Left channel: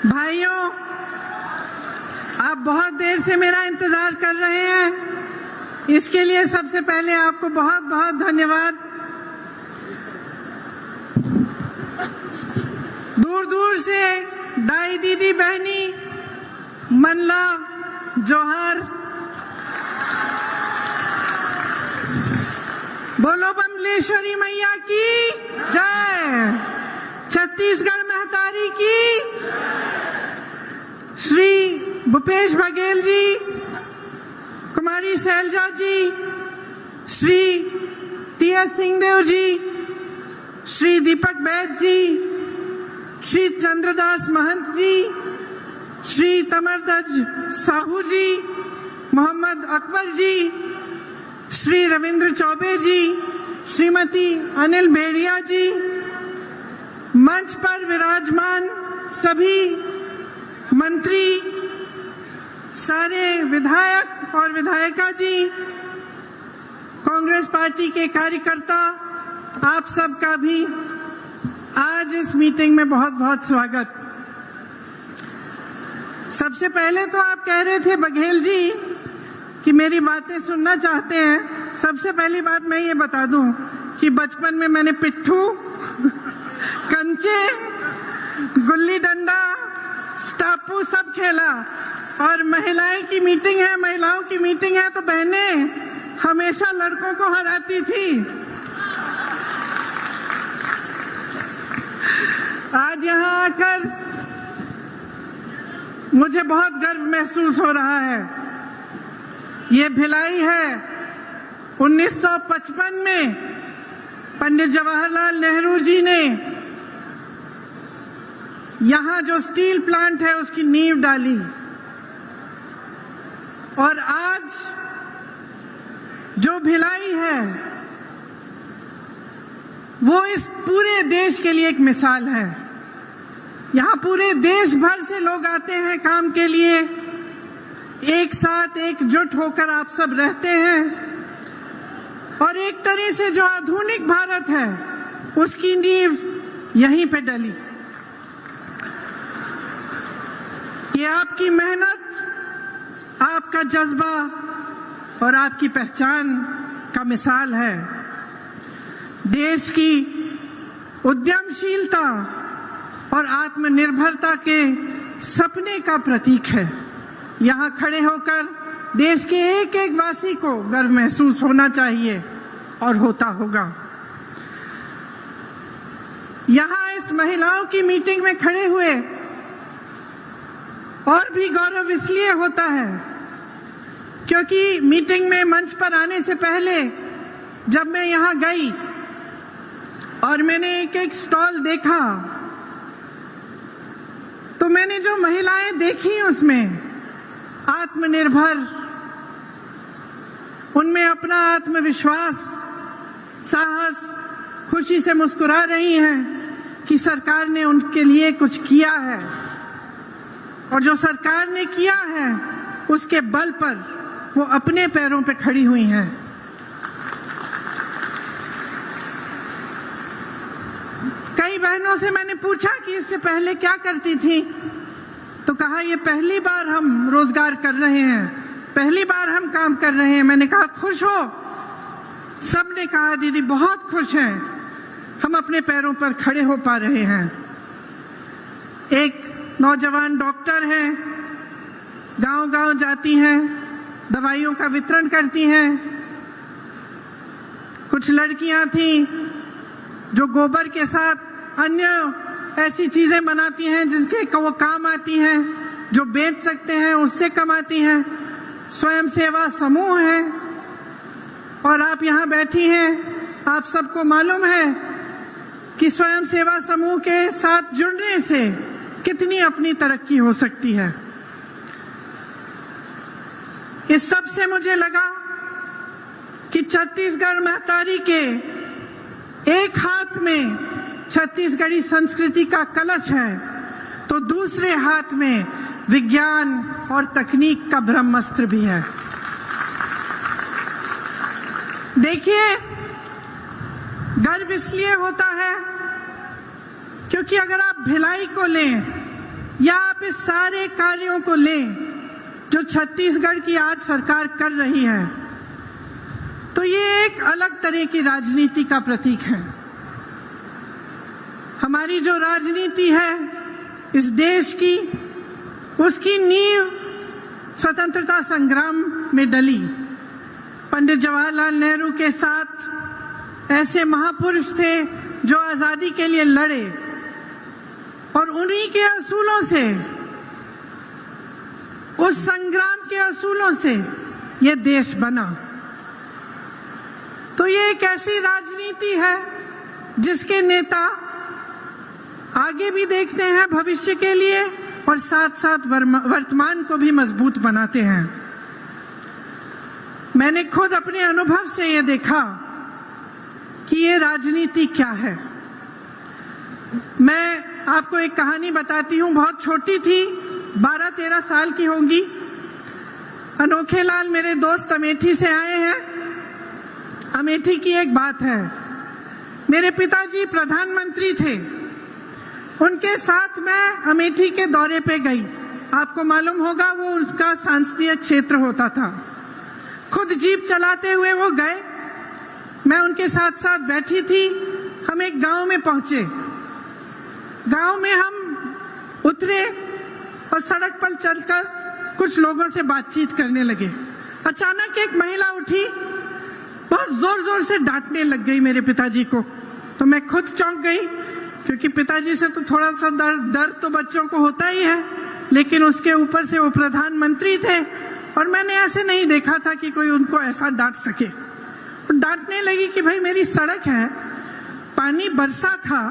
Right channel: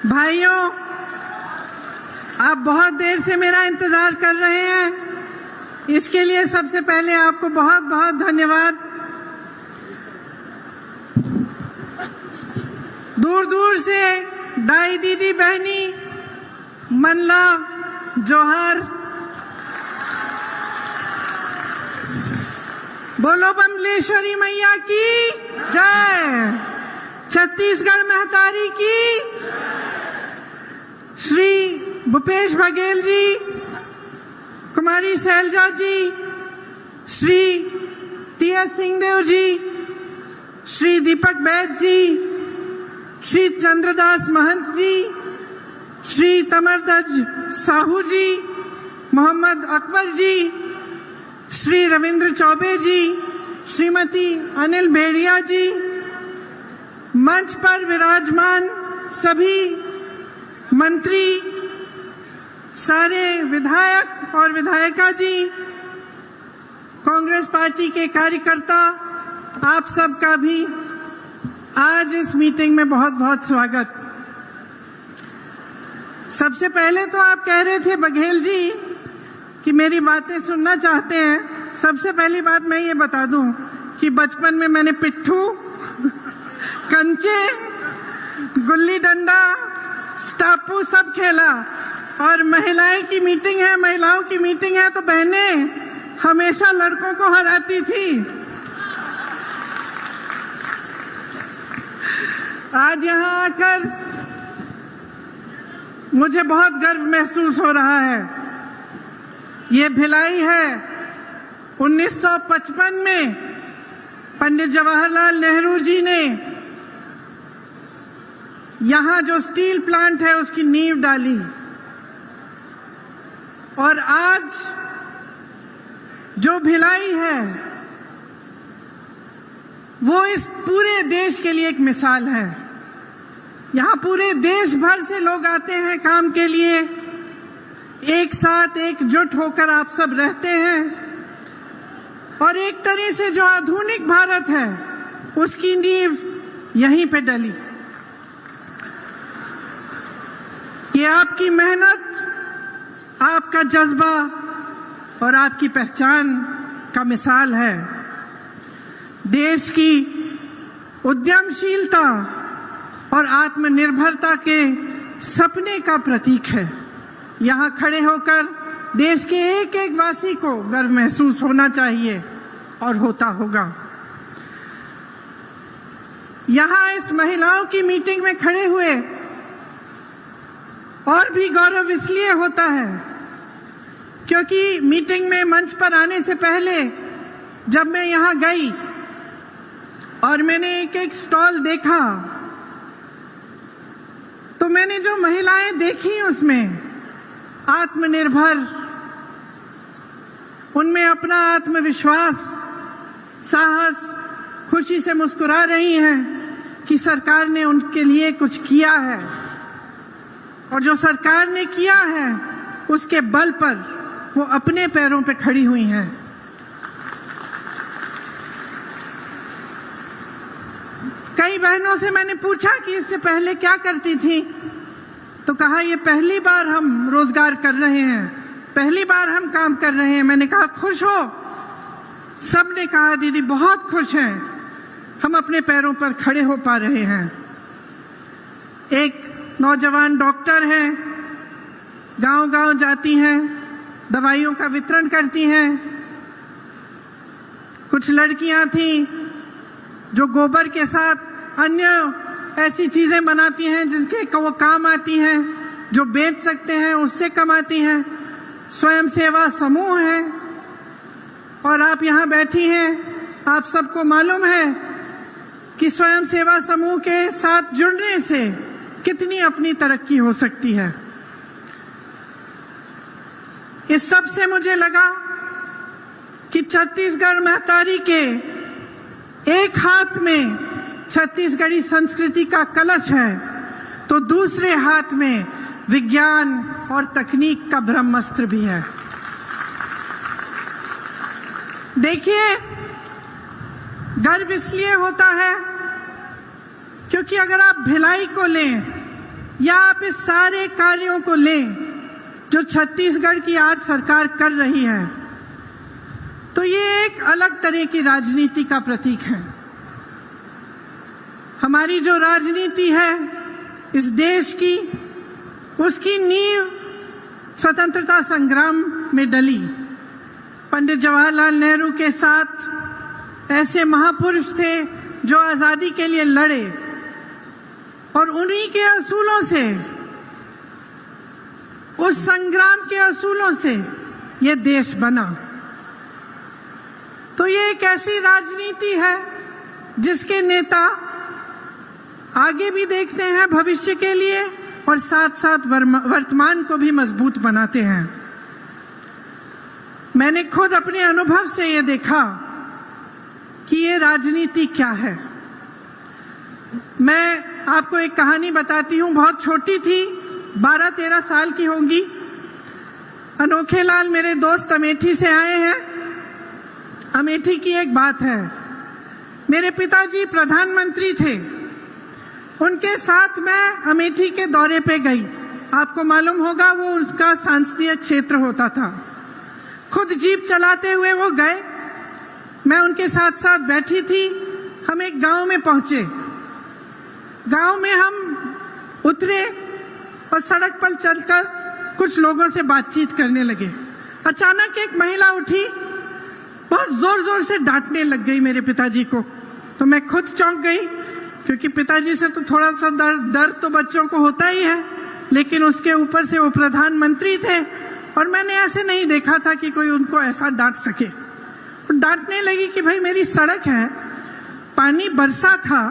भाइयों, आप बहुत देर से मेरा इंतजार कर रहे हैं, इसके लिए सबसे पहले आपको बहुत बहुत धन्यवाद। दूर दूर से दाई दीदी बहनी, मनला, जोहर, बोलो बमलेश्वरी मैया की जय, छत्तीसगढ़ महतारी की, श्री भूपेश बघेल जी, कुमारी शैलजा जी, श्री टी.एस. सिंहदेव जी, श्री दीपक बैद जी, श्री चंद्रदास महंत जी, श्री तमरध्वज साहू जी, मोहम्मद अकबर जी, श्री रविंद्र चौबे जी, श्रीमती अनिल भेड़िया जी, मंच पर विराजमान सभी मंत्री, सारे विधायक और विधायिका जी, कांग्रेस पार्टी के कार्यकर्ता, आप सबका भी आज इस मीटिंग में बहुत बहुत स्वागत। सबसे पहले तो आप कह रहे थे बघेल जी कि मेरी बातें सुनना चाहते हैं। सबसे पहली बात मैं ये बता दूं कि बचपन में मैंने पिट्ठू, कंचे, गुल्ली डंडा, स्टापू सब खेला, और महिलाओं की मीटिंग है तो बहनें हमेशा लड़कों को हराती थी। आज यहाँ आकर मुझे बहुत गर्व महसूस हो रहा है। ये भिलाई है 1955 में पंडित जवाहरलाल नेहरू जी ने यहाँ जो स्टील प्लांट है उसकी नींव डाली, और आज जो भिलाई है वो इस पूरे देश के लिए एक मिसाल है। यहाँ पूरे देश भर से लोग आते हैं काम के लिए, एक साथ एकजुट होकर आप सब रहते हैं, और एक तरह से जो आधुनिक भारत है उसकी नींव यहीं पे डली। ये आपकी मेहनत, आपका जज्बा और आपकी पहचान का मिसाल है। देश की उद्यमशीलता और आत्मनिर्भरता के सपने का प्रतीक है। यहाँ खड़े होकर देश के एक एक वासी को गर्व महसूस होना चाहिए और होता होगा। यहाँ इस महिलाओं की मीटिंग में खड़े हुए और भी गौरव इसलिए होता है क्योंकि मीटिंग में मंच पर आने से पहले जब मैं यहाँ गई और मैंने एक एक स्टॉल देखा, तो मैंने जो महिलाएं देखी उसमें आत्मनिर्भर, उनमें अपना आत्मविश्वास, साहस, खुशी से मुस्कुरा रही हैं कि सरकार ने उनके लिए कुछ किया है, और जो सरकार ने किया है उसके बल पर वो अपने पैरों पे खड़ी हुई हैं। कई बहनों से मैंने पूछा कि इससे पहले क्या करती थी, तो कहा ये पहली बार हम रोजगार कर रहे हैं, पहली बार हम काम कर रहे हैं। मैंने कहा खुश हो? सबने कहा दीदी बहुत खुश हैं, हम अपने पैरों पर खड़े हो पा रहे हैं। एक नौजवान डॉक्टर हैं, गांव-गांव जाती हैं, दवाइयों का वितरण करती हैं। कुछ लड़कियां थी जो गोबर के साथ अन्य ऐसी चीजें बनाती हैं जिसके वो काम आती हैं, जो बेच सकते हैं उससे कमाती हैं। स्वयं सेवा समूह है, और आप यहाँ बैठी हैं, आप सबको मालूम है कि स्वयं सेवा समूह के साथ जुड़ने से कितनी अपनी तरक्की हो सकती है। इस सब से मुझे लगा कि छत्तीसगढ़ महतारी के एक हाथ में छत्तीसगढ़ी संस्कृति का कलश है, तो दूसरे हाथ में विज्ञान और तकनीक का ब्रह्मास्त्र भी है। देखिए, गर्व इसलिए होता है क्योंकि अगर आप भिलाई को लें या आप इस सारे कार्यों को लें जो छत्तीसगढ़ की आज सरकार कर रही है, तो ये एक अलग तरह की राजनीति का प्रतीक है। हमारी जो राजनीति है इस देश की, उसकी नींव स्वतंत्रता संग्राम में डली। पंडित जवाहरलाल नेहरू के साथ ऐसे महापुरुष थे जो आजादी के लिए लड़े, और उन्हीं के असूलों से, उस संग्राम के असूलों से ये देश बना। तो ये एक ऐसी राजनीति है जिसके नेता आगे भी देखते हैं भविष्य के लिए और साथ साथ वर्तमान को भी मजबूत बनाते हैं। मैंने खुद अपने अनुभव से ये देखा कि ये राजनीति क्या है। मैं आपको एक कहानी बताती हूँ, बहुत छोटी थी, 12-13 साल की होंगी। अनोखे लाल मेरे दोस्त अमेठी से आए हैं। अमेठी की एक बात है, मेरे पिताजी प्रधानमंत्री थे, उनके साथ मैं अमेठी के दौरे पे गई। आपको मालूम होगा वो उनका संसदीय क्षेत्र होता था। खुद जीप चलाते हुए वो गए, मैं उनके साथ साथ बैठी थी। हम एक गांव में पहुंचे। गांव में हम उतरे और सड़क पर चलकर कुछ लोगों से बातचीत करने लगे। अचानक एक महिला उठी, बहुत जोर जोर से डांटने लग गई मेरे पिताजी को। तो मैं खुद चौंक गई, क्योंकि पिताजी से तो थोड़ा सा डर तो बच्चों को होता ही है, लेकिन उसके ऊपर से वो प्रधानमंत्री थे और मैंने ऐसे नहीं देखा था कि कोई उनको ऐसा डांट सके। डांटने लगी कि भाई मेरी सड़क है, पानी बरसा था,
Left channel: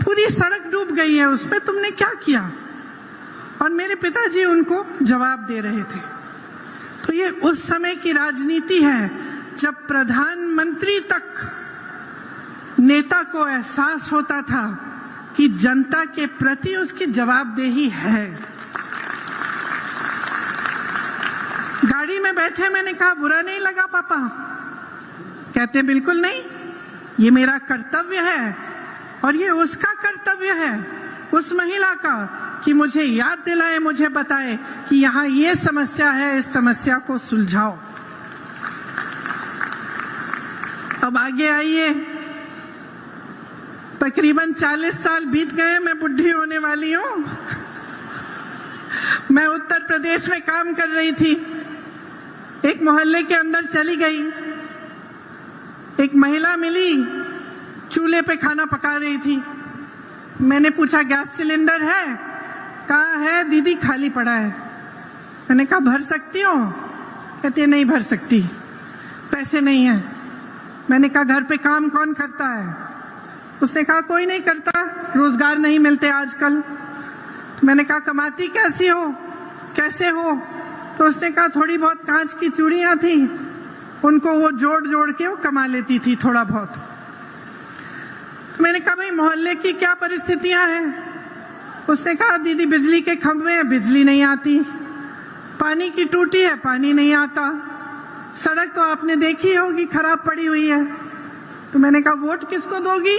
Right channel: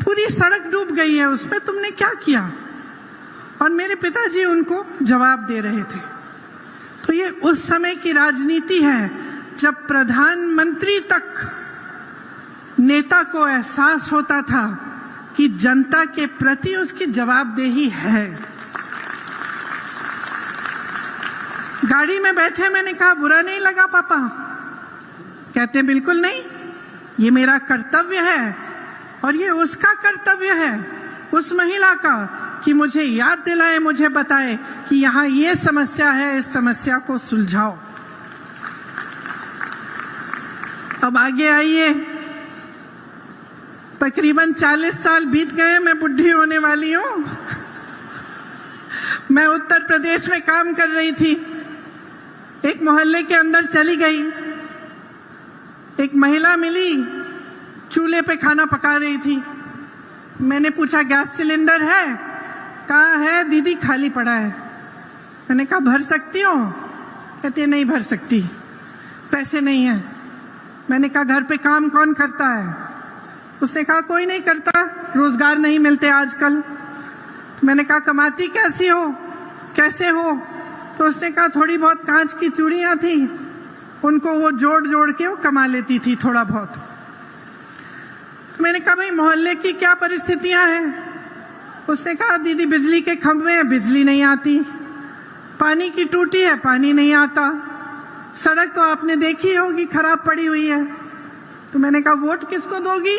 पूरी सड़क डूब गई है, उसमें तुमने क्या किया? और मेरे पिताजी उनको जवाब दे रहे थे। तो ये उस समय की राजनीति है जब प्रधानमंत्री तक नेता को एहसास होता था कि जनता के प्रति उसकी जवाबदेही है। गाड़ी में बैठे मैंने कहा, बुरा नहीं लगा पापा? कहते बिल्कुल नहीं, ये मेरा कर्तव्य है और ये उसका कर्तव्य है, उस महिला का, कि मुझे याद दिलाए, मुझे बताए कि यहाँ ये समस्या है, इस समस्या को सुलझाओ। अब आगे आइए, तकरीबन 40 साल बीत गए, मैं बुढ़ी होने वाली हूँ। मैं उत्तर प्रदेश में काम कर रही थी। एक मोहल्ले के अंदर चली गई, एक महिला मिली, चूल्हे पे खाना पका रही थी। मैंने पूछा गैस सिलेंडर है? कहा है दीदी, खाली पड़ा है। मैंने कहा भर सकती हो? कहती है नहीं भर सकती, पैसे नहीं है। मैंने कहा घर पे काम कौन करता है? उसने कहा कोई नहीं करता, रोजगार नहीं मिलते आजकल। मैंने कहा कमाती कैसी हो, कैसे हो? तो उसने कहा थोड़ी बहुत कांच की चूड़ियां थी, उनको वो जोड़ जोड़ के वो कमा लेती थी थोड़ा बहुत। मैंने कहा भाई मोहल्ले की क्या परिस्थितियां हैं? उसने कहा दीदी बिजली के खंभे हैं, बिजली नहीं आती, पानी की टूटी है, पानी नहीं आता, सड़क तो आपने देखी होगी खराब पड़ी हुई है। तो मैंने कहा वोट किसको दोगी?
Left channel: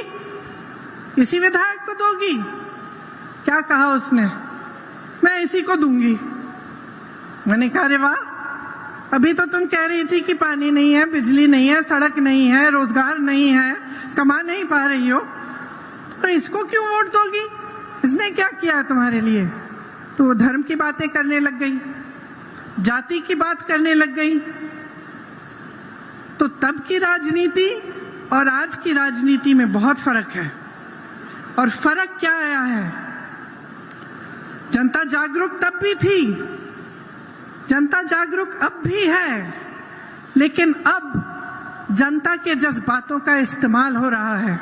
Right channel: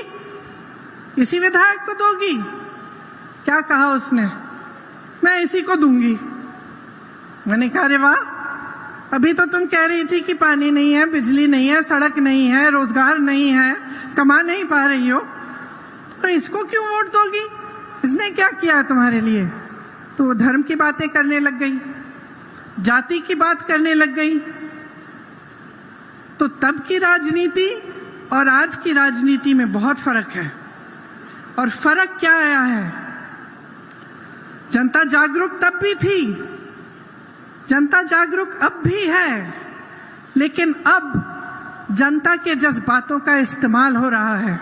इसी विधायक को दोगी? क्या कहा उसने? मैं इसी को दूंगी। मैंने कहा अरे वाह, अभी तो तुम कह रही थी कि पानी नहीं है, बिजली नहीं है, सड़क नहीं है, रोजगार नहीं है, कमा नहीं पा रही हो, तो इसको क्यों वोट दोगी? इसने क्या किया तुम्हारे लिए? तो वो धर्म की बातें करने लग गई, जाति की बात करने लग गई। तो तब की राजनीति और आज की राजनीति में बहुत फर्क है। और फर्क क्या आया है? जनता जागरूक तब भी थी, जनता जागरूक अब भी है, लेकिन अब जनता के जज्बातों का इस्तेमाल हो रहा है।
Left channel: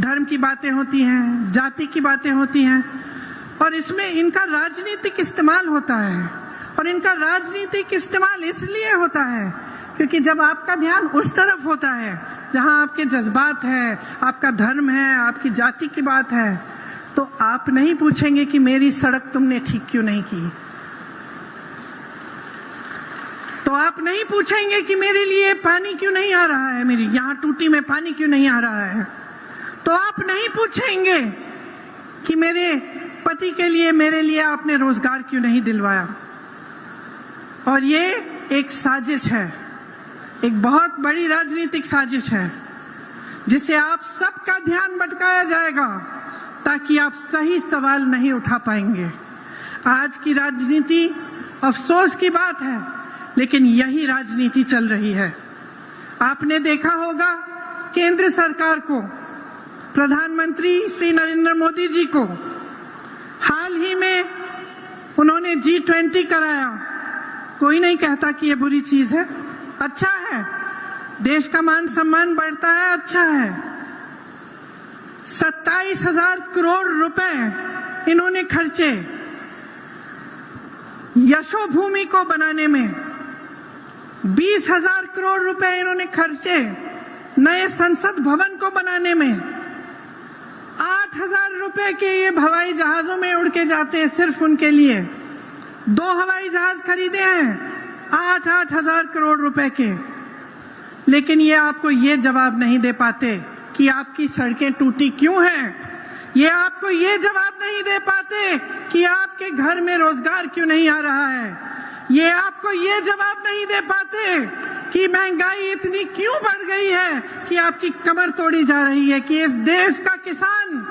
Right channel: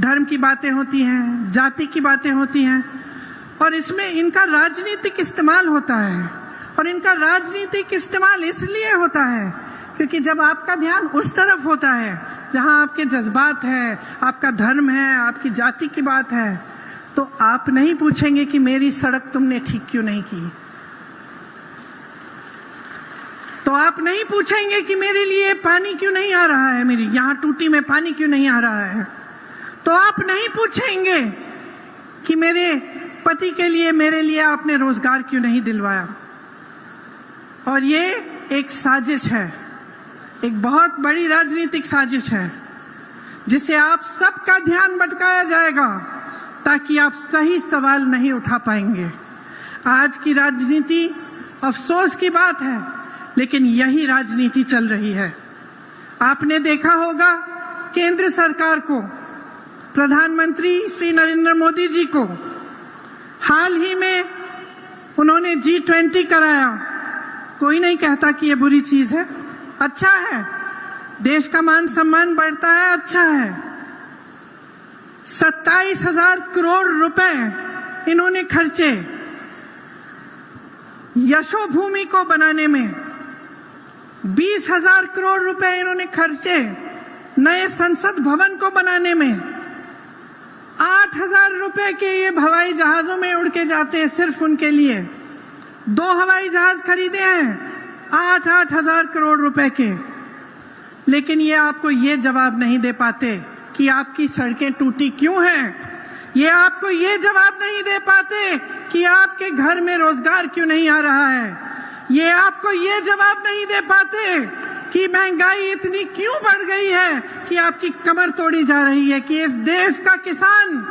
धर्म की बातें होती हैं, जाति की बातें होती हैं, और इसमें इनका राजनीतिक इस्तेमाल होता है। और इनका राजनीतिक इस्तेमाल इसलिए होता है क्योंकि जब आपका ध्यान उस तरफ होता है जहां आपके जज्बात है, आपका धर्म है, आपकी जाति की बात है, तो आप नहीं पूछेंगे कि मेरी सड़क तुमने ठीक क्यों नहीं की, तो आप नहीं पूछेंगे कि मेरे लिए पानी क्यों नहीं आ रहा है, मेरी यहाँ टूटी में पानी क्यों नहीं आ रहा है, तो आप नहीं पूछेंगे कि मेरे पति के लिए, मेरे लिए आपने रोजगार क्यों नहीं दिलवाया? और ये एक साजिश है, एक बहुत बड़ी राजनीतिक साजिश है, जिसे आप सबका ध्यान भटकाया जाएगा ताकि आप सही सवाल नहीं उठा पाएंगे। आज की राजनीति अफसोस की बात है, लेकिन यही राजनीति चल रही है। आपने देखा होगा केंद्र सरकार को, प्रधानमंत्री श्री नरेंद्र मोदी जी को हाल ही में उन्होंने G20 कराया। कोई नहीं कहता कि ये बुरी चीज है, अच्छा है, देश का मान सम्मान बढ़ता है, अच्छा है। 27,000 करोड़ रुपए इन्होंने खर्चे यशोभूमि को बनाने में, 20,000 करोड़ रुपए इन्होंने खर्चे नए संसद भवन को बनाने में, 8,000 रुपए के ये हवाई जहाजों में उड़ के जाते हैं सिर्फ उनके लिए। 2 हवाई जहाज खरीदे हैं 8,000 करोड़ रुपए के। लेकिन ये आपको ये जवाब नहीं दे पाते कि आपकी सड़कें टूटी क्यों हैं। ये आपको ये जवाब नहीं दे पाते कि आपके घर में रोजगार क्यों नहीं आ रहा है। ये आपको ये जवाब नहीं दे पाते कि महंगाई इतनी क्यों बढ़ गई है कि आपकी कमर तोड़ी जा रही है, कि इस देश का किसान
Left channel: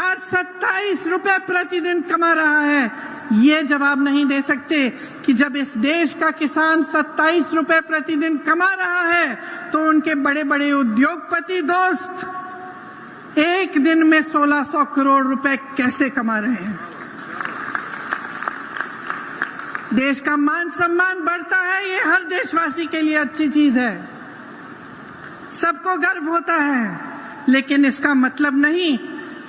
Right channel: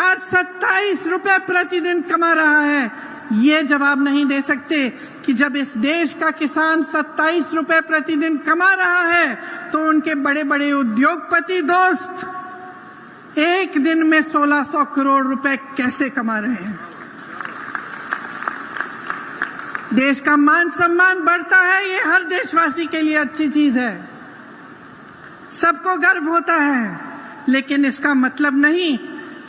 आज 27 रुपए प्रतिदिन कमा रहा है। ये जवाब नहीं दे सकते कि जब इस देश का किसान 27 रुपए प्रतिदिन कमा रहा है तो उनके बड़े बड़े उद्योगपति दोस्त एक दिन में 1600 करोड़ रुपए कैसे कमा रहे हैं। देश का मान सम्मान बढ़ता है, ये हर देशवासी के लिए अच्छी चीज है, सबको गर्व होता है। लेकिन इसका मतलब नहीं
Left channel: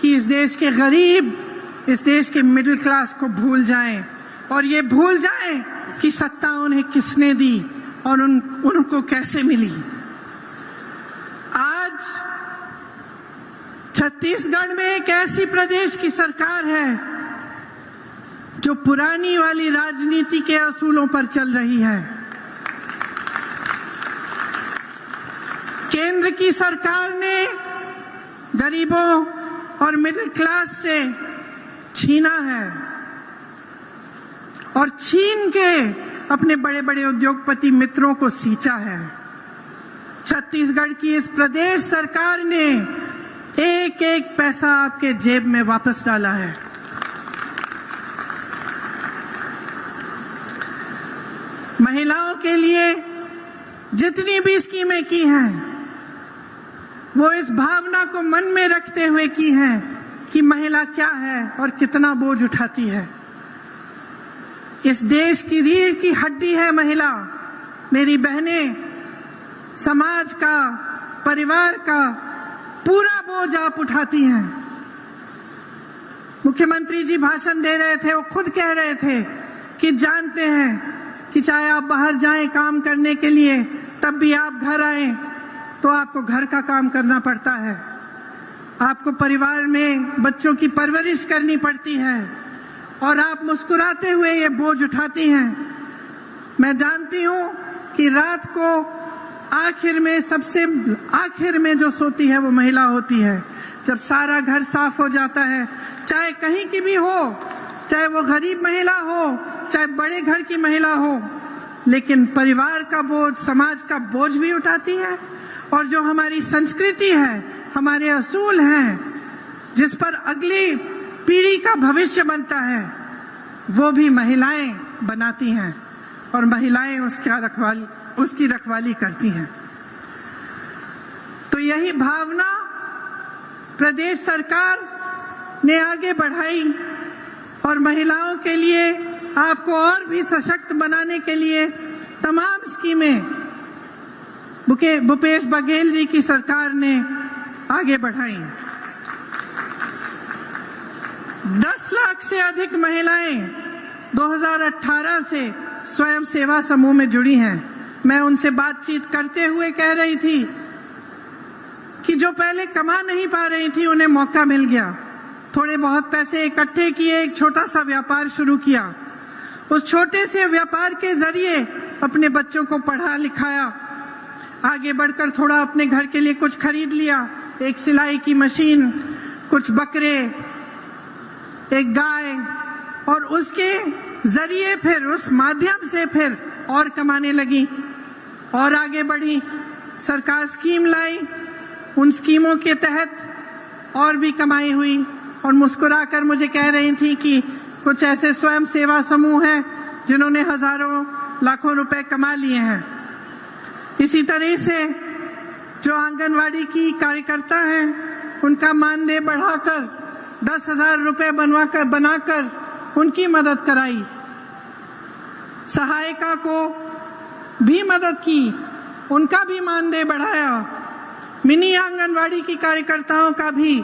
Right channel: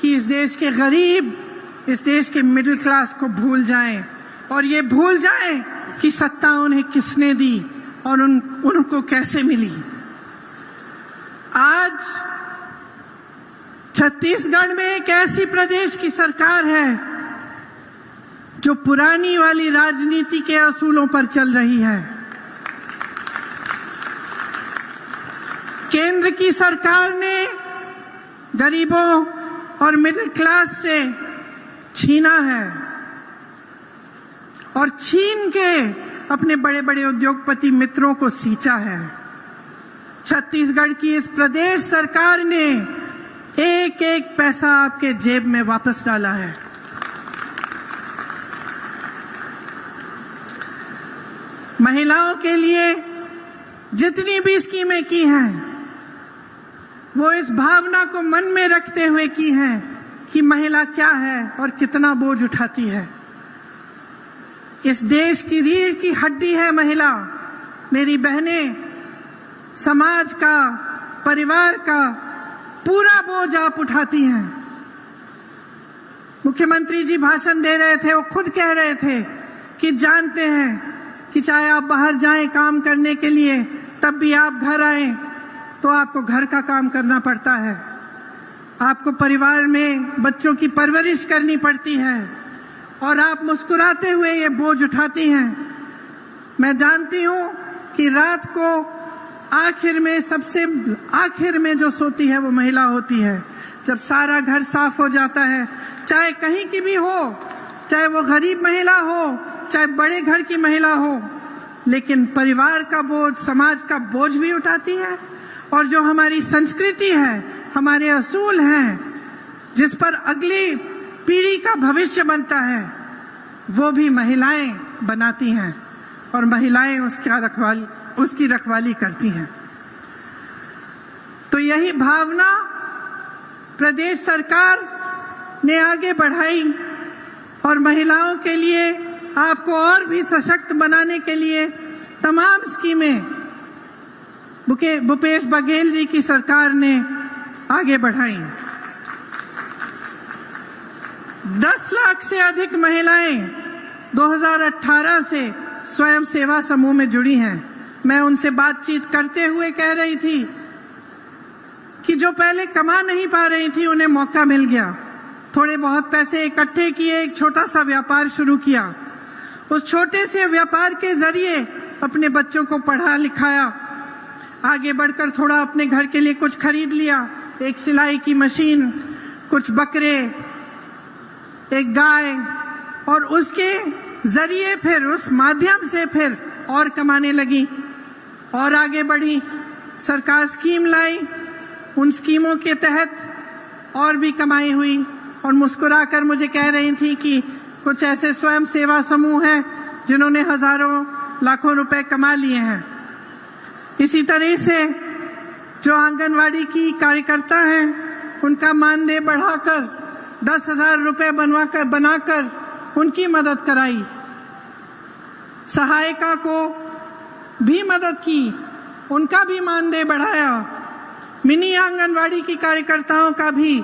कि इस देश के गरीब, इस देश के मिडिल क्लास को भूल जाएं और ये भूल जाएं कि सत्ता उन्हें किसने दी और उनको कैसे मिली। आज छत्तीसगढ़ में एक ऐसी प्रदेश की सरकार है जो पुरानी वाली राजनीति के असूलों पर चल रही है। केंद्र की सरकार ने गरीबों और मिडिल क्लास से छीना है और छीन के अपने बड़े बड़े उद्योगपति मित्रों को सींचा है। छत्तीसगढ़ की इस प्रदेश सरकार ने एक एक पैसा आपके जेब में वापस डाला है। महिलाओं के लिए जितनी भी स्कीमें की हैं, वो इस भावना को मन में रखते हुए की हैं कि महिला क्या है और कितना बोझ उठाती है। इस देश की रीढ़ की हड्डी है महिला। मेरी बहनें, समाज का, परिवार का पूरा बोझ आप उठाती हैं। मुख्यमंत्री जी भाषण दे रहे थे, वो खुद कह रहे थे कि जानते हैं कि चाहे आप बाहर जाएं काम करने के लिए, तब भी आप घर आए तो आपको घर का काम करना पड़ता है, आपको परिवार में बच्चों की परवरिश करनी पड़ती है और आप मुस्कुराते हुए ये बोझ उठाती हैं। मैं जानती हूं कि रात को आखिर में, सबसे आखिर में जो सोती है वो महिला होती है। जब सारा घर साफ हो जाता है, चाहे कहीं की भी हो, चाहे वो गरीब महिला हो, चाहे बड़े घर की महिला हो, लेकिन परिवार का बोझ, समाज का बोझ भी उठाती है। और जो हमारी संस्कृति है, हमारे असूल हैं, जिस पर अगली पीढ़ी का भविष्य बनता है, वो भी महिलाएं बनाती हैं और महिलाएं उसकी रखवाली करती हैं। तो यही भावना प्रदेश सरकार ने आगे बढ़ाई और महिलाओं के लिए, आपको और भी सशक्त बनाने के लिए तमाम स्कीमें भूपेश बघेल जी की सरकार ने आगे बढ़ाई। 10 लाख से अधिक महिलाएं 2018 से स्वयं सेवा समूह में जुड़ी हैं। मैं उनसे बातचीत करते हुए कह रही थी कि जो पहले कमा नहीं पा रही थी, उन्हें मौका मिल गया। थोड़े बहुत पैसे इकट्ठे किए, एक छोटा सा व्यापार शुरू किया। उस छोटे से व्यापार के जरिए अपने बच्चों को पढ़ा लिखाया, आगे बढ़कर थोड़ा अपने घर के लिए कुछ खरीद लिया, एक सिलाई की मशीन, कुछ बकरे एक गाय, और उसके जरिए फिर उस माध्यम से फिर और कमाने लगी और आगे बढ़ी। सरकार स्कीम लाई, उन स्कीमों के तहत और भी कमाई हुई, और मुस्कुराकर मुझे कह रही थी कि कुछ ऐसे स्वयं सेवा समूह हैं जिन्होंने हजारों लाखों रुपए कमा लिए हैं। इसी तरह से जो आंगनवाड़ी की कार्यकर्ता हैं, उनका मानदेय बढ़ाकर 10,000 रुपए बनाकर उनकी मदद कराई। सहायिका को भी मदद की, उनका भी मानदेय बढ़ाया। मिनी आंगनवाड़ी की कार्यकर्ताओं का भी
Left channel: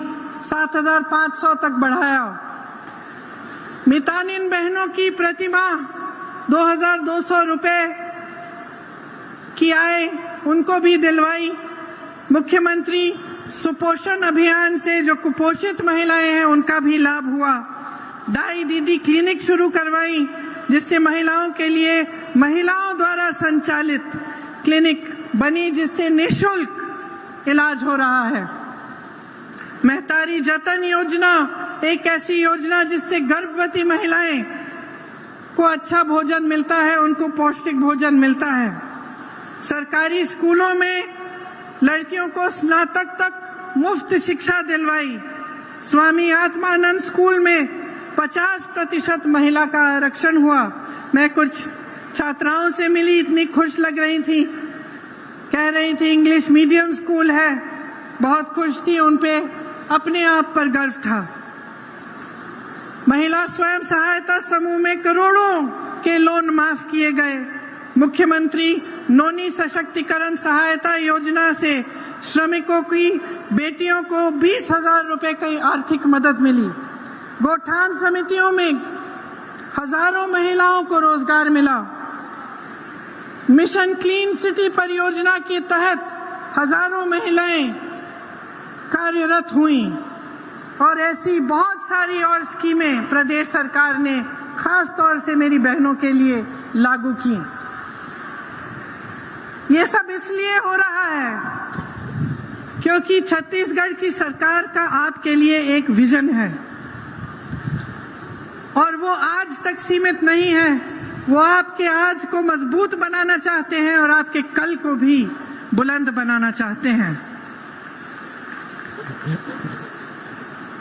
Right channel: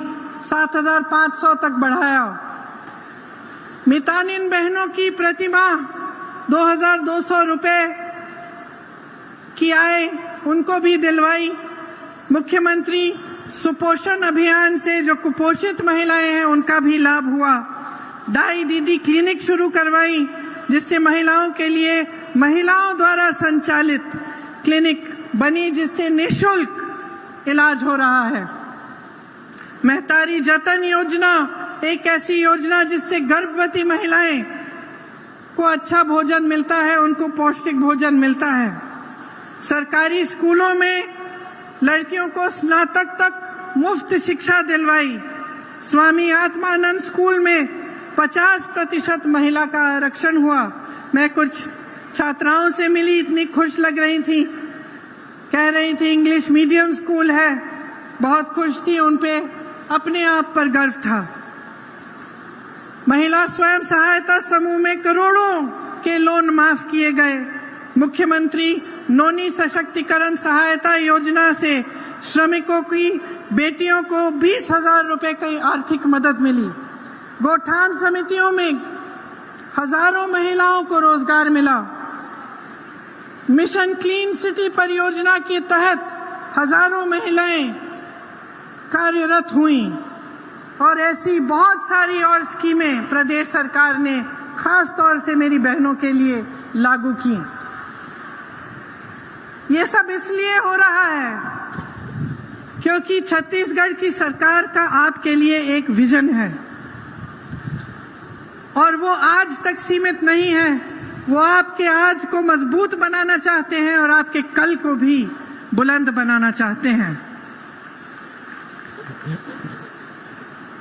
7,500 तक बढ़ाया। मितानिन बहनों की प्रतिमाह 2,200 रुपए की आय उनको भी दिलवाई। मुख्यमंत्री सुपोषण अभियान से जो कुपोषित महिलाएं हैं उनका भी लाभ हुआ। दाई दीदी क्लिनिक शुरू करवाई, जिससे महिलाओं के लिए महिलाओं द्वारा संचालित क्लिनिक बनी, जिससे निःशुल्क इलाज हो रहा है। महतारी जतन योजना एक ऐसी योजना जिससे गर्भवती महिलाएं को अच्छा भोजन मिलता है, उनको पौष्टिक भोजन मिलता है। सरकारी स्कूलों में लड़कियों को स्नातक तक मुफ्त शिक्षा दिलवाई। स्वामी आत्मानंद स्कूल में 50% महिला का आरक्षण हुआ। मैं कुछ छात्राओं से मिली, इतनी खुश लग रही थी, कह रही थी इंग्लिश मीडियम स्कूल है, बहुत खुश थी, उनपे अपने आप पर गर्व था। महिला स्वयं सहायता समूह में करोड़ों के लोन माफ किए गए। मुख्यमंत्री नोनी सशक्तिकरण सहायता योजना से श्रमिकों की बेटियों को 20,000 रुपए की आर्थिक मदद मिली। गोठान समितियों में हजारों महिलाओं को रोजगार मिला। मिशन क्लीन सिटी परियोजना के तहत हजारों महिलाएं कार्यरत हुई, और ऐसी बहुत सारी और स्कीमें प्रदेश सरकार ने खास तौर से मेरी बहनों के लिए लागू की। ये सब इसलिए हो रहा है क्योंकि छत्तीसगढ़ की सरकार का आपके लिए एक विजन है, और वो आज तक सीमित नहीं है। वो आपके आज को मजबूत बनाना चाहते हैं और आपके कल को भी बुलंद बनाना चाहते हैं।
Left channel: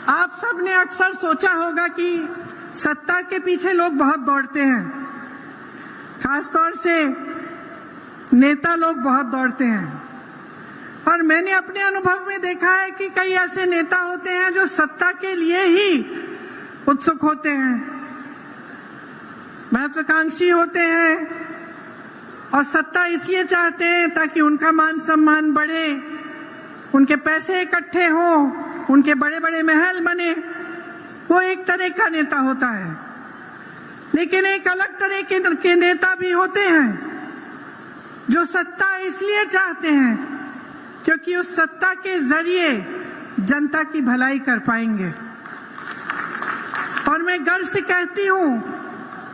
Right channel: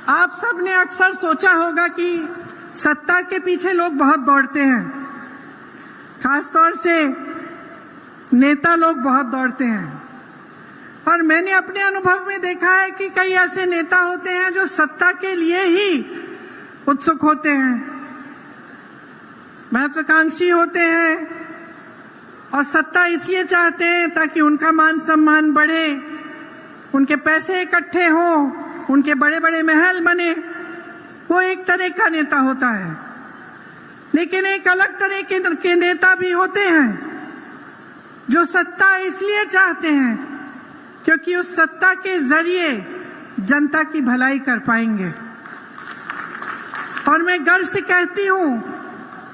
आप सब ने अक्सर सोचा होगा कि सत्ता के पीछे लोग बहुत दौड़ते हैं, खासतौर से नेता लोग बहुत दौड़ते हैं, और मैंने अपने अनुभव में देखा है कि कई ऐसे नेता होते हैं जो सत्ता के लिए ही उत्सुक होते हैं, महत्वाकांक्षी होते हैं, और सत्ता इसलिए चाहते हैं ताकि उनका मान सम्मान बढ़े, उनके पैसे इकट्ठे हों, उनके बड़े बड़े महल बने। वो एक तरह का नेता होता है। लेकिन एक अलग तरह के नेता भी होते हैं जो सत्ता इसलिए चाहते हैं क्योंकि उस सत्ता के जरिए जनता की भलाई कर पाएंगे। और मैं गर्व से कहती हूं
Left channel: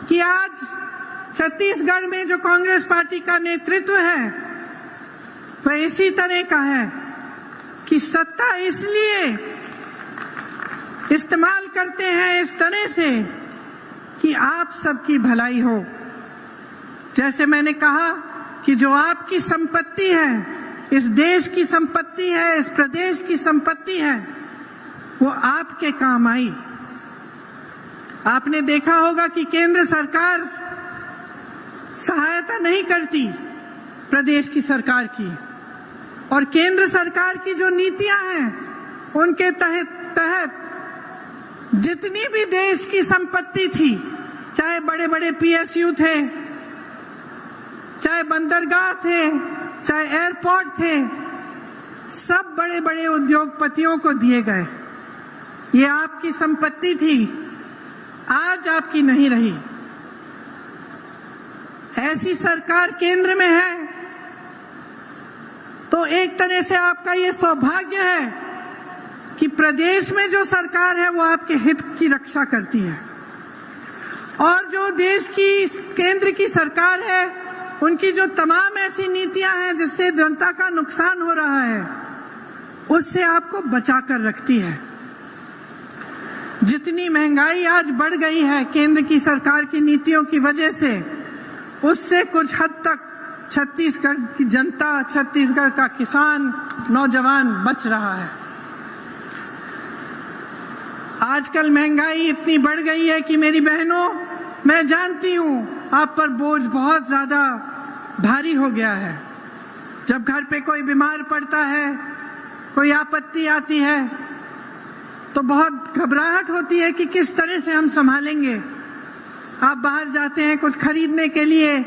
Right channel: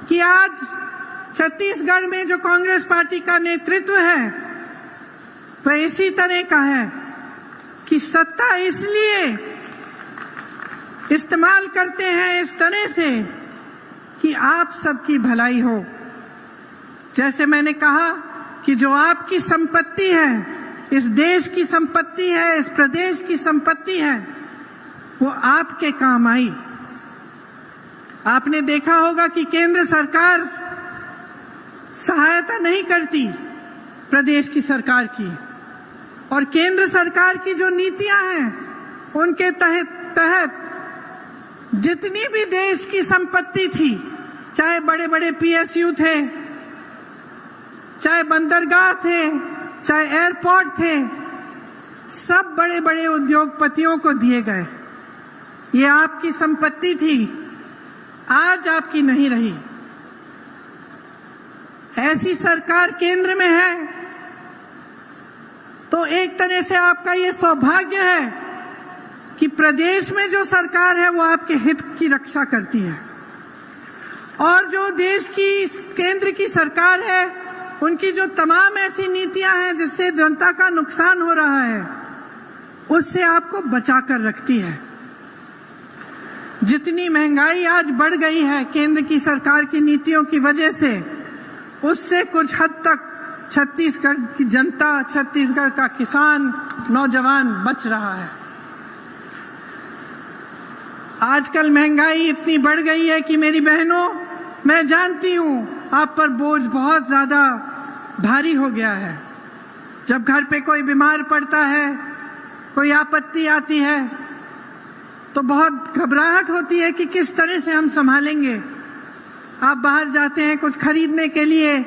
कि आज छत्तीसगढ़ में जो कांग्रेस पार्टी का नेतृत्व है वह इसी तरह का है कि सत्ता इसलिए इस्तेमाल करते हैं इस तरह से कि आप सबकी भलाई हो। जैसे मैंने कहा कि जो आपकी संपत्ति है, इस देश की संपत्ति है, इस प्रदेश की संपत्ति है, वो आपके काम आई। आपने देखा होगा कि केंद्र सरकार सहायता नहीं करती प्रदेश की सरकार की, और केंद्र सरकार की जो नीतियां हैं उनके तहत जितनी भी देश की संपत्ति थी, चाहे बड़े बड़े पीएसयू थे, चाहे बंदरगाह थे, चाहे एयरपोर्ट थे, सब बड़े बड़े उद्योगपतियों को दिए गए। ये आपकी संपत्ति थी, आज आपकी नहीं रही। ऐसी सरकार केंद्र में है तो एक तरह से आपका ये सौभाग्य है कि प्रदेश में जो सरकार है वो आपके हित की रक्षा करती है, और जो देश की केंद्र की सरकार है उनकी जो तमाम ऐसी नीतियां हैं जिससे जनता का नुकसान हो रहा है उससे आपको बचा कर रखती है। जितनी महंगाई आज बढ़ गई है केंद्र की सरकार की नीतियों की वजह से, उससे कुछ हद तक छत्तीसगढ़ की जनता, छत्तीसगढ़ का किसान, नौजवान बच रहा है। आजकल महंगाई इतनी बढ़ गई है कि मेरी बहनों, मैं जानती हूँ आप पर बोझ बहुत ज्यादा भारी हो गया है। जब घर पे कोई बीमार पड़ता है, कोई आपत्ति आती है, तो बहुत घबराहट होती है कि किस तरह से हम संभालेंगे। आप बाहर जाते हैं कुछ खरीदने के लिए,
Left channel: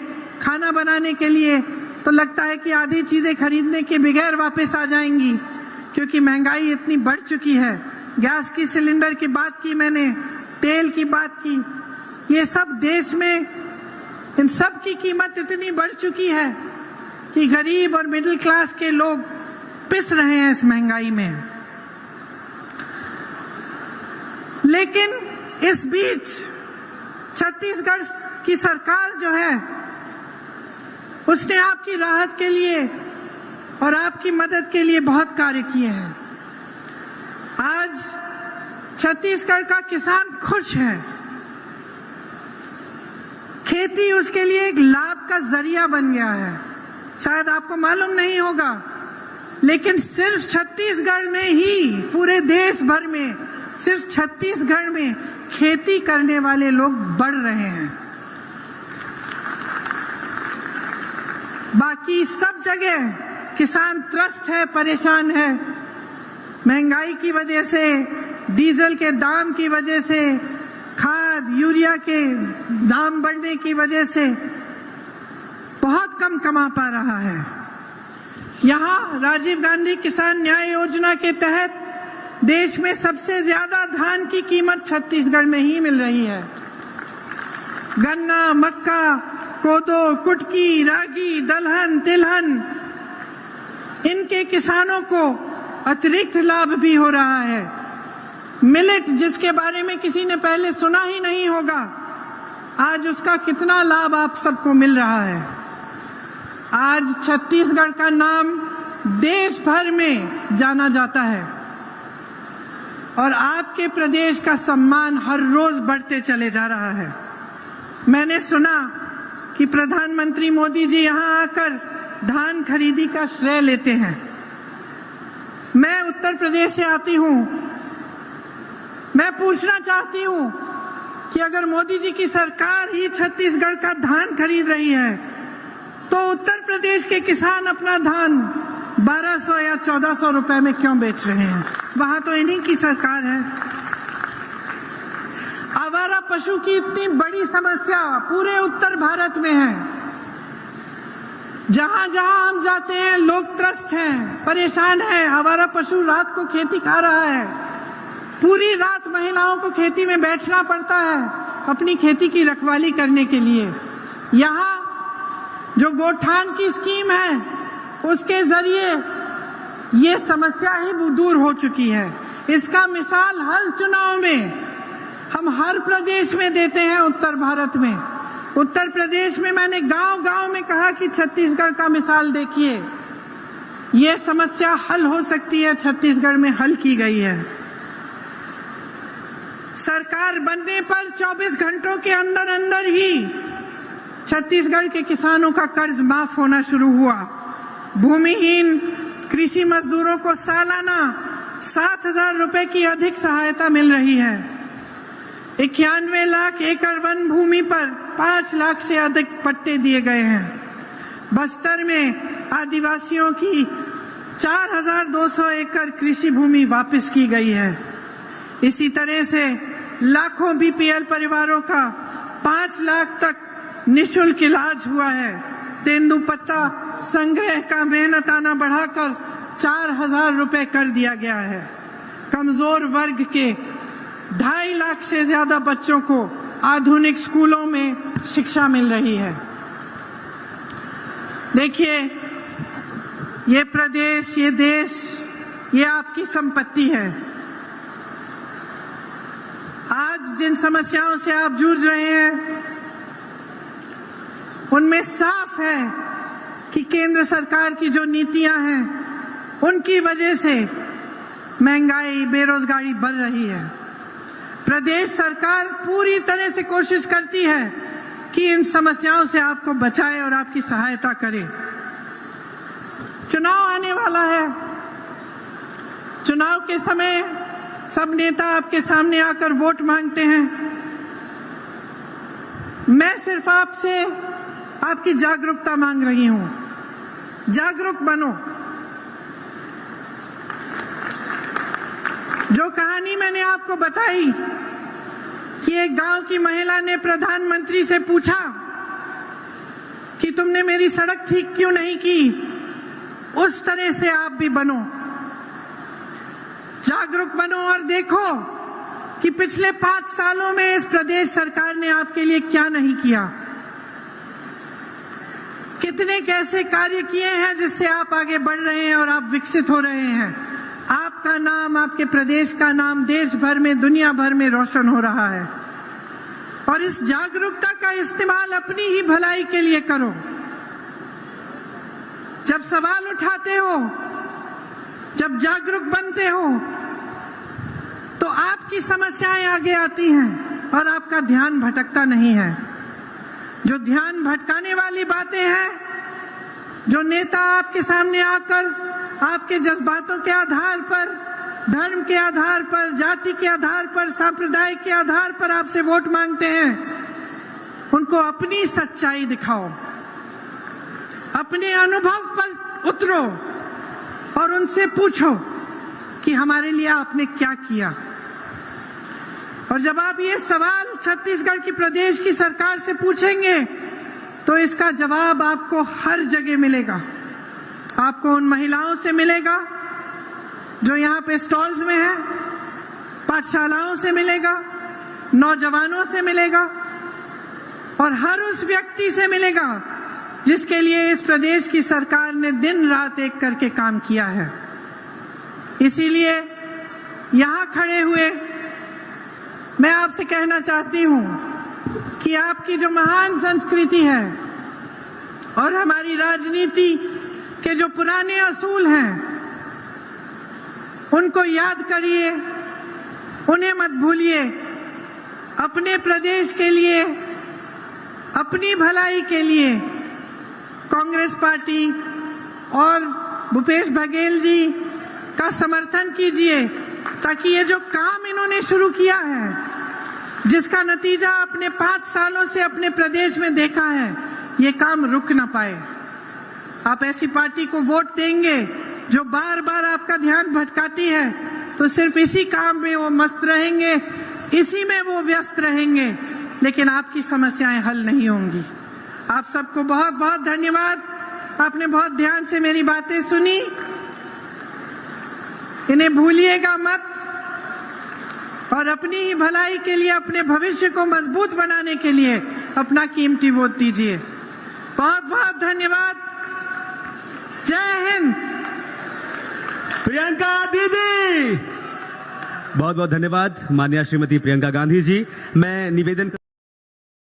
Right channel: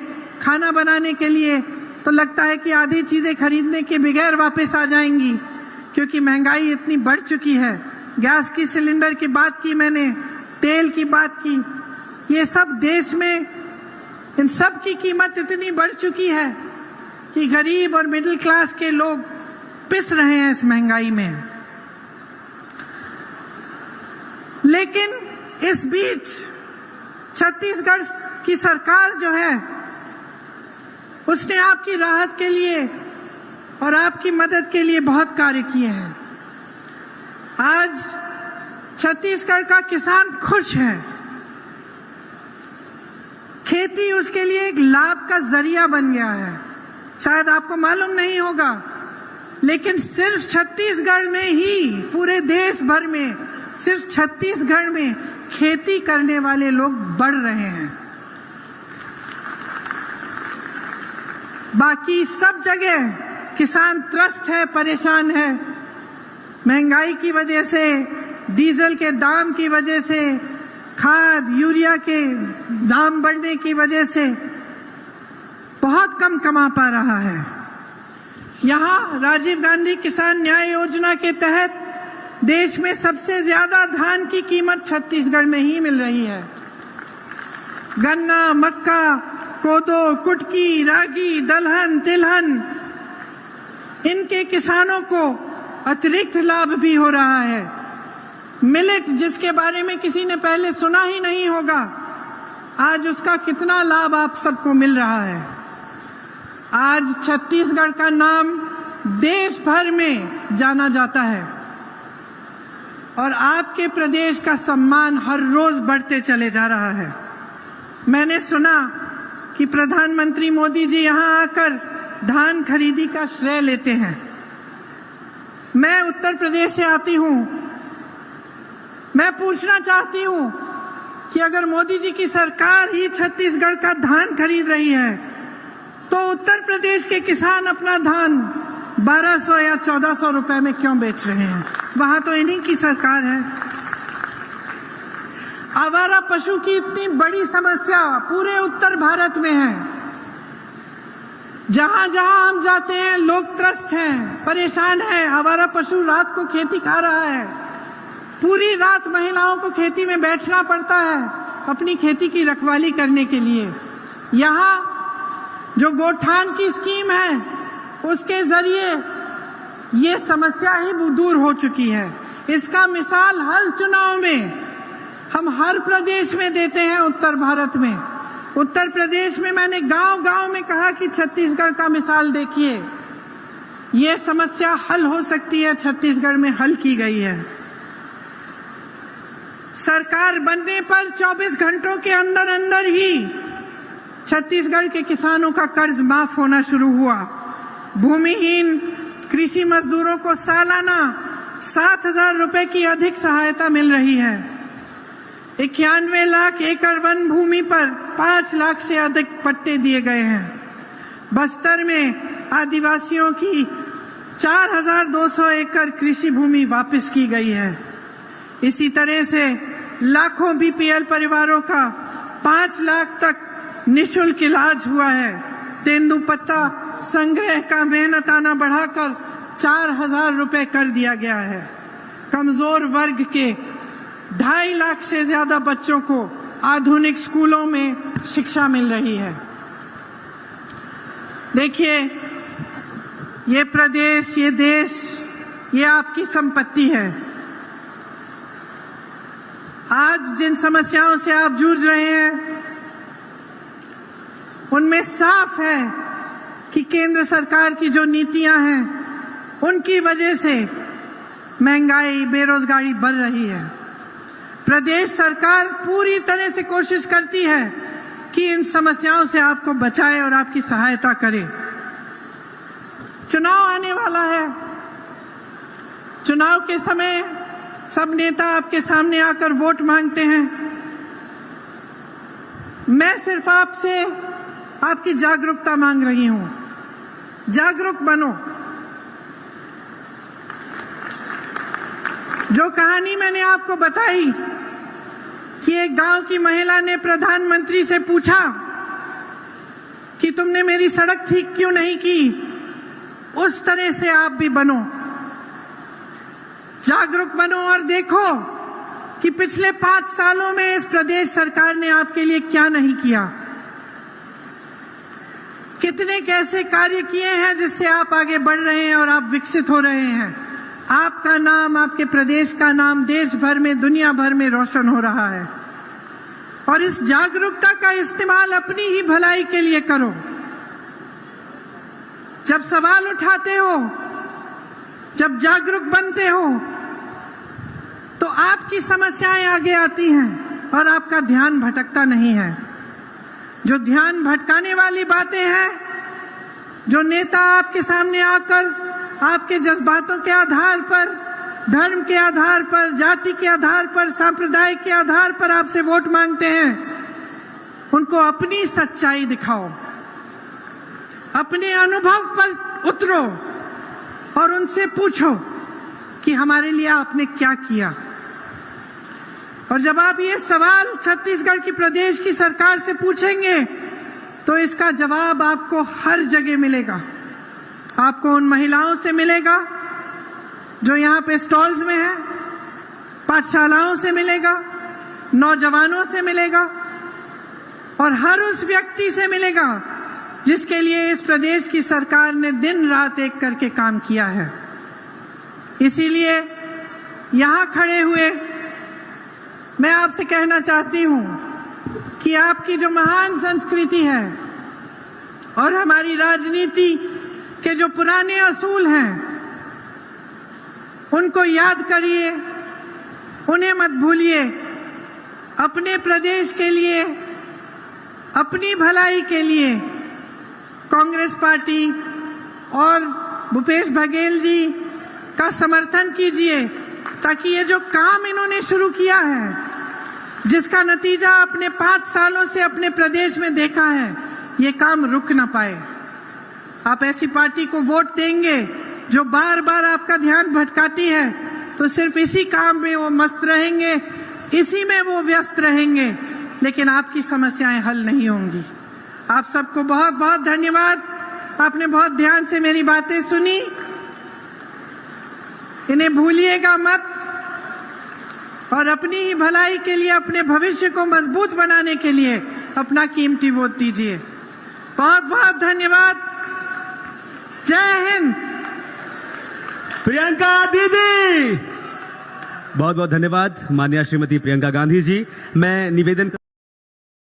खाना बनाने के लिए, तो लगता है कि आधी चीजें खरीदने के बगैर वापस आ जाएंगी, क्योंकि महंगाई इतनी बढ़ चुकी है। गैस की सिलेंडर की बात की मैंने, तेल की बात की, ये सब देश में इन सब की कीमत इतनी बढ़ चुकी है कि गरीब और मिडिल क्लास के लोग पिस रहे हैं इस महंगाई में। लेकिन इस बीच छत्तीसगढ़ की सरकार जो है, उसने आपकी राहत के लिए और आपकी मदद के लिए बहुत कार्य किए हैं। आज छत्तीसगढ़ का किसान खुश है। खेती उसके लिए एक लाभ का जरिया बन गया है। शायद आपको मालूम नहीं होगा, लेकिन सिर्फ छत्तीसगढ़ में ही, पूरे देश भर में सिर्फ छत्तीसगढ़ में खेती करने वाले लोग बढ़ रहे हैं। बाकी सब जगह किसान त्रस्त है, परेशान है। महंगाई की वजह से, डीजल के दाम की वजह से, खाद यूरिया के दाम बढ़ने की वजह से बहुत कम कमा पा रहा है। यहाँ राजीव गांधी किसान न्याय योजना के तहत देश में सबसे ज्यादा धान की कीमत छत्तीसगढ़ में ही मिल रही है। गन्ना, मक्का, कोदो, कुटकी, रागी, दलहन, तिलहन, इनके किसानों को अतिरिक्त लाभ भी हो रहा है। मिलेट, जिसके बारे में किसी ने पहले सुना ही नहीं होगा, आज उसका कितना लाभ आप सबको मिल रहा है। आज छत्तीसगढ़ का नाम देश भर में जाना जाता है और आपके प्रदेश का सम्मान हर रोज बढ़ते चले जा रहा है। मैंने सुना कि प्रधानमंत्री मोदी जी यहाँ आकर धान खरीदी का श्रेय लेते हैं। मैं उत्तर प्रदेश से आती हूँ। मैं पूछना चाहती हूँ कि अगर मोदी जी की सरकार ही छत्तीसगढ़ का धान खरीद रही है, तो उत्तर प्रदेश के किसान अपना धान 1200 या 1400 रुपए में क्यों बेच रहे हैं? वहां तो इन्हीं की सरकार है। आवारा पशु की इतनी बड़ी समस्या पूरे उत्तर भारत में है। जहां जहां हम जाते हैं लोग त्रस्त हैं, परेशान हैं। आवारा पशु रात को खेती खा रहा है। पूरी रात महिलाओं को खेती में बैठना पड़ता है अपनी खेती की रखवाली करने के लिए। यहाँ जो गोठान की स्कीम है, उसके जरिए ये समस्या ही दूर हो चुकी है। इसका मिसाल हर चुनाव में हम हर प्रदेश में देते हैं। उत्तर भारत में, उत्तर प्रदेश में मैंने गांव-गांव में कहा कि छत्तीसगढ़ का मिसाल देखिए, ये समस्या हल हो सकती है। छत्तीसगढ़ में हल की गई है। सरकार बनने पर 24 घंटों के अंदर अंदर ही छत्तीसगढ़ के किसानों का कर्ज माफ होना शुरू हुआ। भूमिहीन कृषि मजदूरों को सालाना 7,000 रुपए की अधिक सहायता मिल रही है। 91 लाख एकड़ वन भूमि पर 5 लाख से अधिक पट्टे दिए गए हैं। बस्तर में आदिवासियों की 4,200 एकड़ कृषि भूमि वापस की गई है। इसी तरह से लाखों बीपीएल परिवारों का 5 लाख तक निःशुल्क इलाज हुआ है। तेंदुपत्ता संग्रह का मेहनताना बढ़ाकर 4,000 रुपए कर दिया गया है। कमजोर वर्ग के 2.5 लाख से ज्यादा बच्चों को आधुनिक स्कूलों में शिक्षा मिल रही है। देखिए, ये प्रदेश, ये देश, ये आपकी संपत्ति है। आज जिन समस्याओं से आप जूझ रहे हैं, उनमें साफ है कि केंद्र सरकार की जो नीतियां हैं, उनकी वजह से महंगाई, बेरोजगारी बढ़ रही है। प्रदेश सरकार पूरी तरह से कोशिश करती है कि इन समस्याओं से आपको बचाए और आपकी सहायता करे। चुनाव आने वाला है। चुनाव के समय सब नेता आपके सामने आकर वोट मांगते हैं। मैं सिर्फ आपसे आपकी जागरूकता मांग रही हूं। जागरूक बनो। जो कहानी मैंने आपको बताई कि एक गांव की महिला ने प्रधानमंत्री से पूछा कि तुमने मेरी सड़क ठीक क्यों नहीं की, उस तरह से आप भी बनो। जागरूक बनो और देखो कि पिछले 5 सालों में इस प्रदेश सरकार ने आपके लिए क्या नहीं किया, कितने कैसे कार्य किए हैं जिससे आप आगे बढ़ रहे हैं और आप विकसित हो रहे हैं। आपका नाम, आपके प्रदेश का नाम देश भर में, दुनिया भर में रोशन हो रहा है। और इस जागरूकता का इस्तेमाल अपनी ही भलाई के लिए करो। जब सवाल उठाते हो, जब जागरूक बनते हो, तो आपकी समस्याएं आगे आती हैं और आपका ध्यान भटकता नहीं है। जो ध्यान भटकाने वाली बातें हैं, जो नेता आपके सामने आकर आपके जज्बातों के आधार पर, धर्म के आधार पर, जाति के आधार पर, संप्रदाय के आधार पर आपसे वोट मांगते हैं, उनको अपनी सच्चाई दिखाओ, अपने अनुभव पर उतरो और उनसे पूछो कि हमारे लिए आपने क्या किया। और जब आप ये सवाल छत्तीसगढ़ की प्रदेश की सरकार से पूछेंगे तो इसका जवाब आपको हर जगह मिलेगा। आपको उन महिलाओं से मिलेगा जो यहाँ पे स्टॉल्स में हैं, पाठशालाओं से मिलेगा, नौजवानों से मिलेगा और हर उस व्यक्ति से मिलेगा जिसके लिए इस प्रदेश की सरकार ने दिन रात एक करके काम किया है। इसीलिए यहाँ खड़े हुए मैं आपसे कहना चाहती हूँ कि आपकी जो महान संस्कृति है और हमारी राजनीति के जो पुराने असूल हैं, उनको याद करिए, उन्हें मत भूलिए। अपने प्रदेश के लिए, अपनी भलाई के लिए कांग्रेस पार्टी और भूपेश बघेल जी का समर्थन कीजिए, ताकि ये जो काम इन्होंने शुरू किया है, जिसका नतीजा अपने 5 सालों से अपने प्रदेश में देखा है, ये काम रुक ना पाए। आप ऐसी पार्टी को वोट देंगे जो बार बार आपका ध्यान भटकाती है, तो सिर्फ इसी काम में वो मस्त रहेंगे, इसी में वो व्यस्त रहेंगे, लेकिन आपकी समस्याएं हल नहीं होंगी। आप सबको बहुत बहुत धन्यवाद। आपने बहुत ध्यान से मेरी बातें सुनी, इन्हें भूलिएगा मत और अपनी ही भलाई के लिए, अपने भविष्य को मजबूत बनाने के लिए अपना कीमती वोट दीजिए। बहुत बहुत धन्यवाद। जय हिंद। प्रियंका दीदी, बहुत बहुत धन्यवाद माननीय श्रीमती प्रियंका गांधी जी। मैं निवेदन